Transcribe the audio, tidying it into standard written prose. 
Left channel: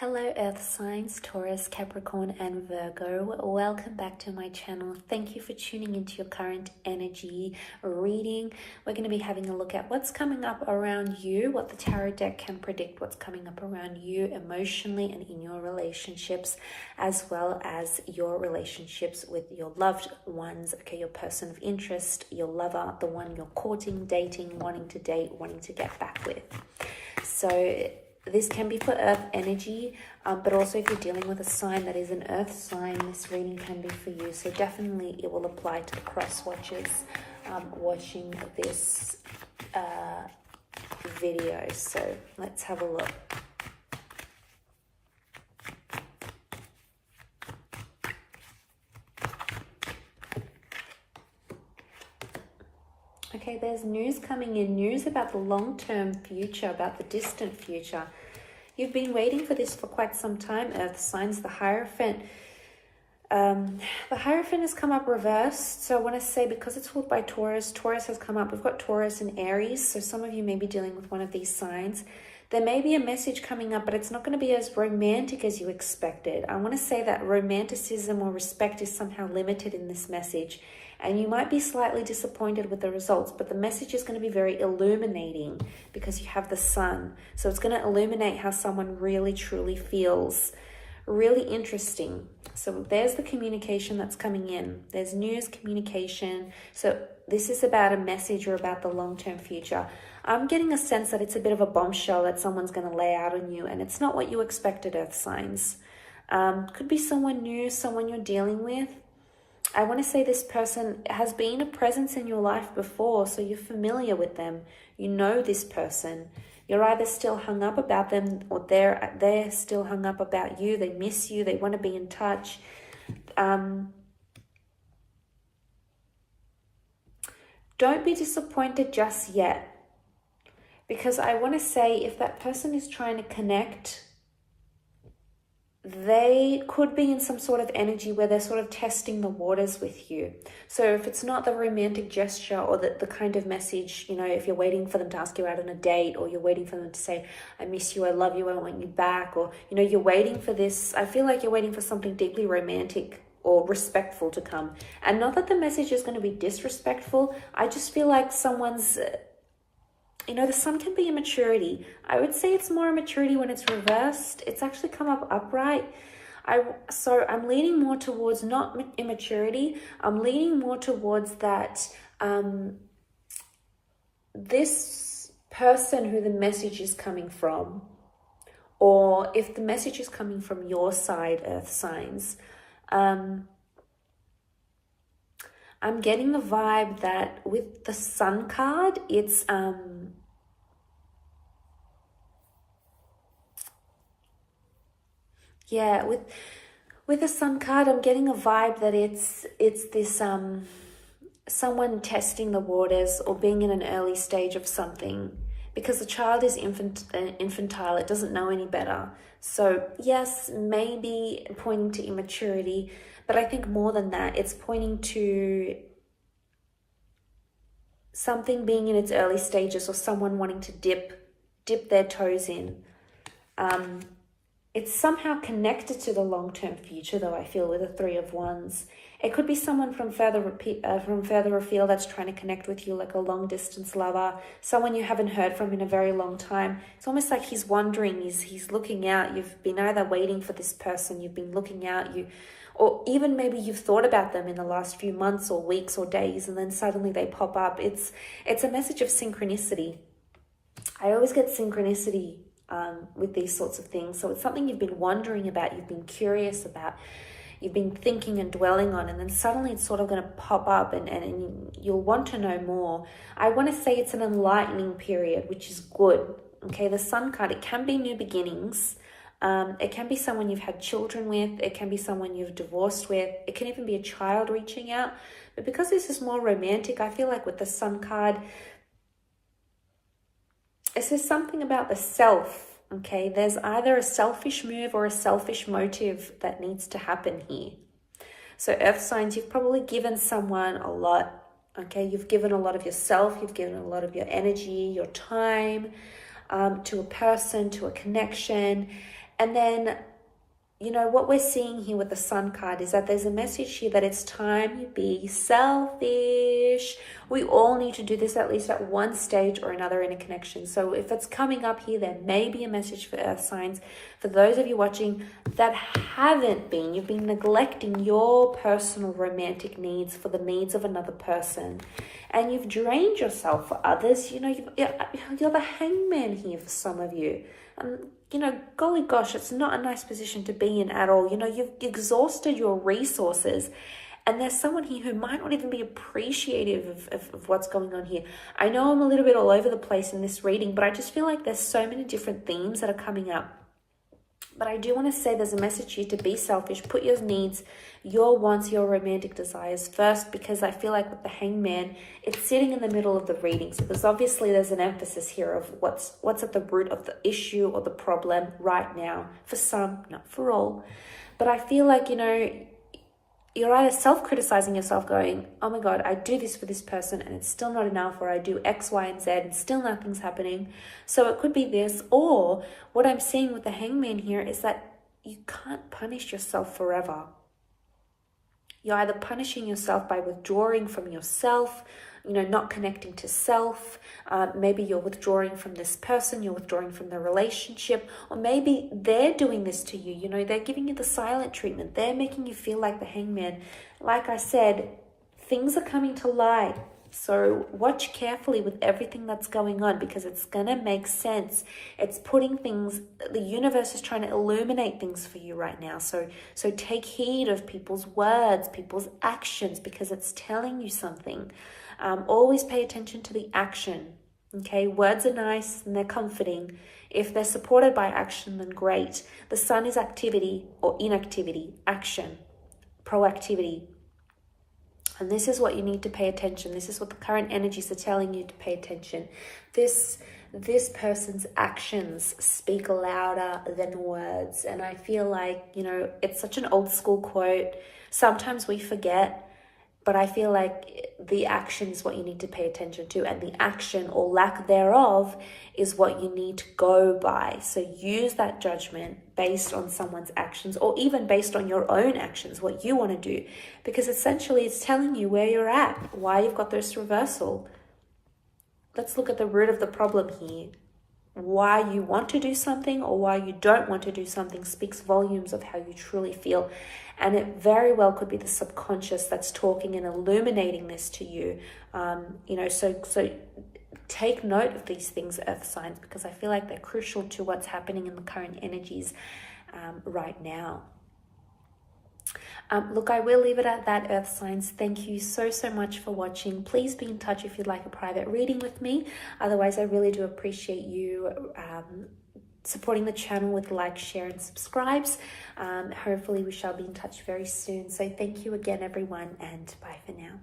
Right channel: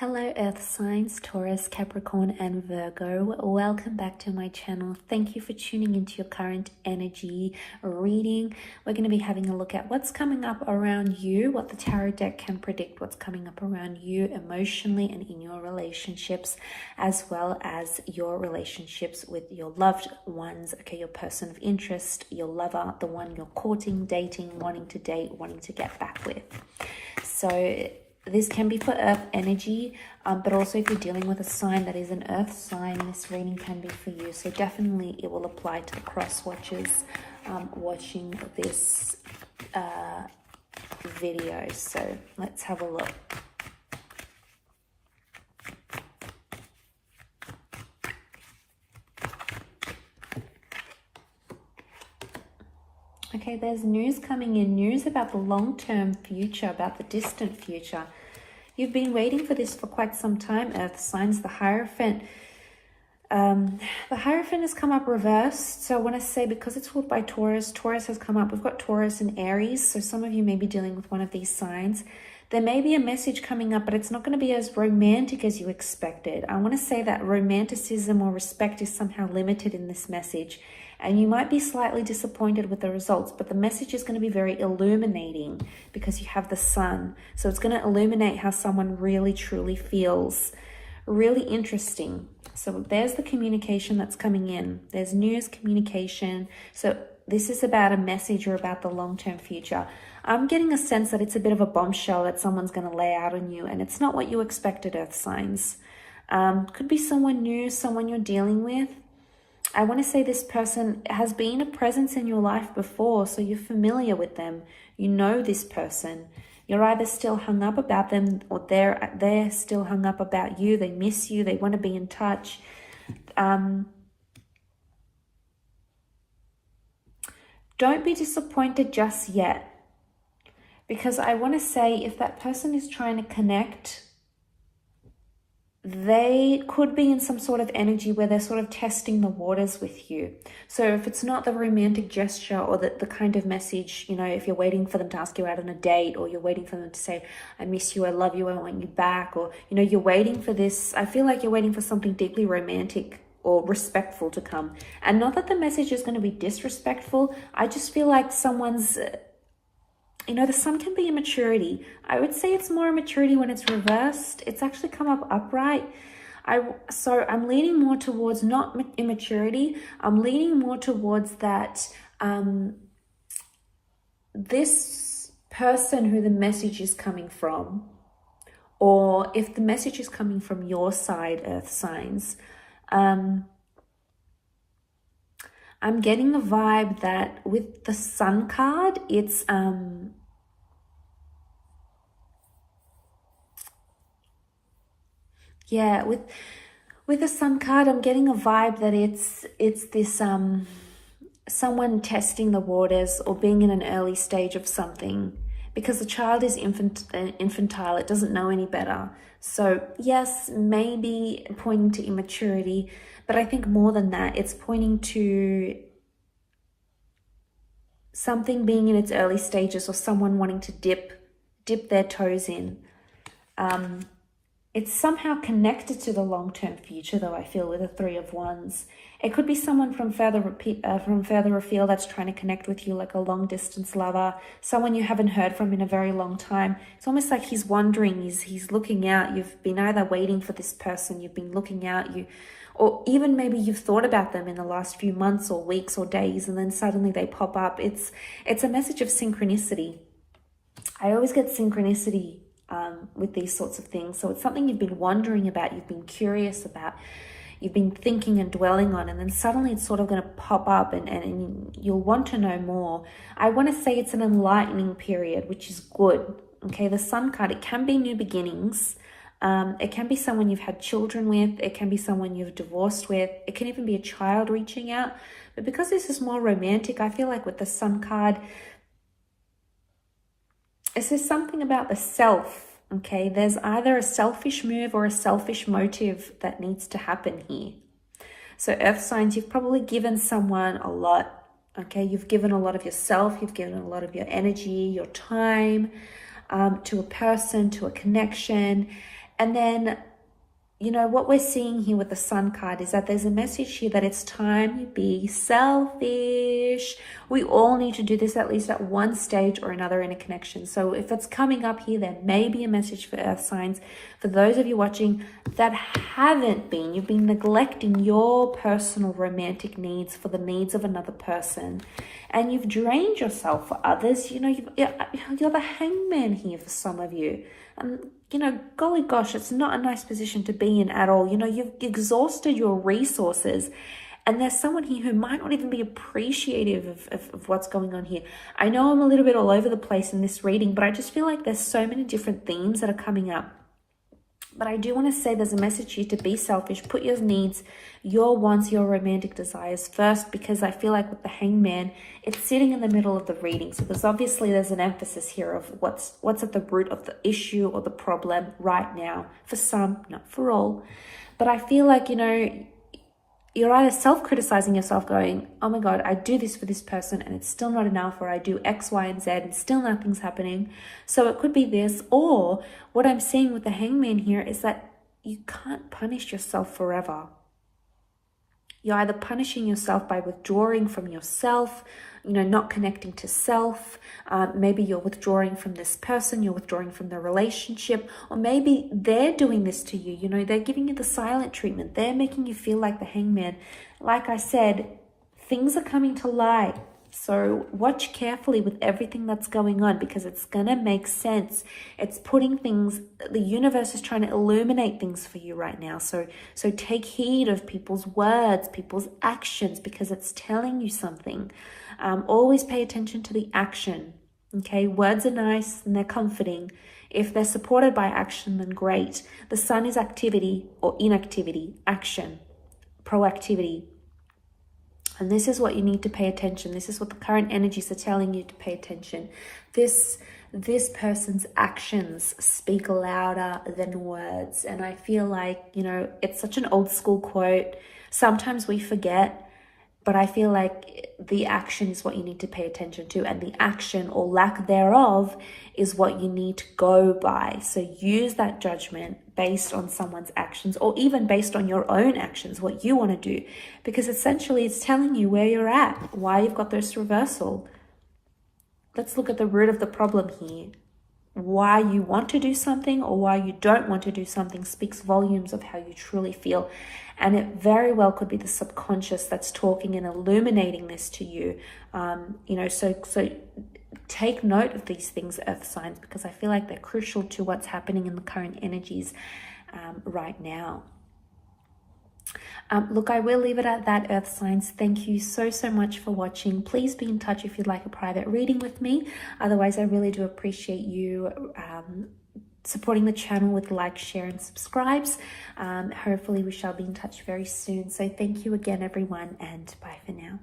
Hello Earth signs, Taurus, Capricorn and Virgo. Welcome back to my channel. Thank you for tuning into your current energy reading. We're going to be having a look at what's coming up around you, what the tarot deck can predict, what's coming up around you emotionally and in your relationships, as well as your relationships with your loved ones, okay, your person of interest, your lover, the one you're courting, dating, wanting to date, wanting to get back with. So this can be for Earth energy, but also if you're dealing with a sign that is an Earth sign, this reading can be for you. So definitely it will apply to the cross watchers watching this video. So let's have a look. Okay, there's news coming in, news about the long-term future, about the distant future. You've been waiting for this for quite some time, Earth signs. The Hierophant. The Hierophant has come up reversed. So when I say, because it's ruled by Taurus, Taurus has come up. We've got Taurus and Aries. So some of you may be dealing with one of these signs. There may be a message coming up, but it's not going to be as romantic as you expected. I want to say that romanticism or respect is somehow limited in this message. And you might be slightly disappointed with the results, but the message is going to be very illuminating because you have the sun. So it's going to illuminate how someone really, truly feels. Really interesting. So there's the communication that's coming in. There's news, communication. So this is about a message or about the long-term future. I'm getting a sense that it's a bit of a bombshell that someone's going to lay out on you, and it's not what you expected, Earth signs. Could be someone new, someone you're dealing with. I want to say this person has been a presence in your life before, so you're familiar with them. You know this person. You're either still hung up about them or they're still hung up about you. They miss you. They want to be in touch. Don't be disappointed just yet, because I want to say if that person is trying to connect, they could be in some sort of energy where they're sort of testing the waters with you. So if it's not the romantic gesture or the kind of message, you know, if you're waiting for them to ask you out on a date, or you're waiting for them to say, I miss you, I love you, I want you back, or, you know, you're waiting for this, I feel like you're waiting for something deeply romantic or respectful to come. And not that the message is going to be disrespectful. I just feel like someone's... You know, the sun can be immaturity. I would say it's more immaturity when it's reversed. It's actually come up upright. So I'm leaning more towards not immaturity. I'm leaning more towards that this person who the message is coming from, or if the message is coming from your side, Earth signs, I'm getting a vibe that with the Sun card, it's yeah, with the Sun card, I'm getting a vibe that it's this someone testing the waters or being in an early stage of something, because the child is infantile, it doesn't know any better. So yes, maybe pointing to immaturity, but I think more than that, it's pointing to something being in its early stages, or someone wanting to dip their toes in. It's somehow connected to the long-term future, though, I feel, with the Three of Wands. It could be someone from further afield that's trying to connect with you, like a long-distance lover, someone you haven't heard from in a very long time. It's almost like he's wondering, he's looking out. You've been either waiting for this person, you've been looking out, or even maybe you've thought about them in the last few months or weeks or days, and then suddenly they pop up. It's a message of synchronicity. I always get synchronicity with these sorts of things. So it's something you've been wondering about, you've been curious about, you've been thinking and dwelling on, and then suddenly it's sort of going to pop up and you'll want to know more. I want to say it's an enlightening period, which is good. Okay, the Sun card, it can be new beginnings. It can be someone you've had children with. It can be someone you've divorced with. It can even be a child reaching out. But because this is more romantic, I feel like with the Sun card, is there something about the self? Okay, there's either a selfish move or a selfish motive that needs to happen here. So Earth signs, you've probably given someone a lot. Okay, you've given a lot of yourself, you've given a lot of your energy, your time to a person, to a connection. And then, you know, what we're seeing here with the Sun card is that there's a message here that it's time you be selfish. We all need to do this at least at one stage or another in a connection. So if it's coming up here, there may be a message for earth signs. For those of you watching that haven't been, you've been neglecting your personal romantic needs for the needs of another person. And you've drained yourself for others. You know, you're the hangman here for some of you. You know, golly gosh, it's not a nice position to be in at all. You know, you've exhausted your resources, and there's someone here who might not even be appreciative of what's going on here. I know I'm a little bit all over the place in this reading, but I just feel like there's so many different themes that are coming up. But I do want to say there's a message here to be selfish, put your needs, your wants, your romantic desires first, because I feel like with the hangman, it's sitting in the middle of the reading. So there's an emphasis here of what's at the root of the issue or the problem right now. For some, not for all. But I feel like, you know, you're either self-criticizing yourself going, oh my God, I do this for this person and it's still not enough, or I do X, Y, and Z and still nothing's happening. So it could be this, or what I'm seeing with the hangman here is that you can't punish yourself forever. You're either punishing yourself by withdrawing from yourself, you know, not connecting to self. Maybe you're withdrawing from this person, you're withdrawing from the relationship, or maybe they're doing this to you. You know, they're giving you the silent treatment. They're making you feel like the hangman. Like I said, things are coming to light. So watch carefully with everything that's going on, because it's going to make sense. It's putting things, the universe is trying to illuminate things for you right now. So take heed of people's words, people's actions, because it's telling you something. Always pay attention to the action. Okay, words are nice and they're comforting. If they're supported by action, then great. The sun is activity or inactivity, action, proactivity. And this is what you need to pay attention. This is what the current energies are telling you to pay attention. This person's actions speak louder than words. And I feel like, you know, it's such an old school quote. Sometimes we forget. But I feel like the action is what you need to pay attention to, and the action or lack thereof is what you need to go by. So use that judgment based on someone's actions, or even based on your own actions, what you want to do, because essentially it's telling you where you're at, why you've got this reversal. Let's look at the root of the problem here. Why you want to do something or why you don't want to do something speaks volumes of how you truly feel. And it very well could be the subconscious that's talking and illuminating this to you. You know, so take note of these things, earth signs, because I feel like they're crucial to what's happening in the current energies right now. Look, I will leave it at that, earth signs. Thank you so much for watching. Please be in touch if you'd like a private reading with me. Otherwise, I really do appreciate you supporting the channel with like, share, and subscribes. Hopefully we shall be in touch very soon. So thank you again, everyone, and bye for now.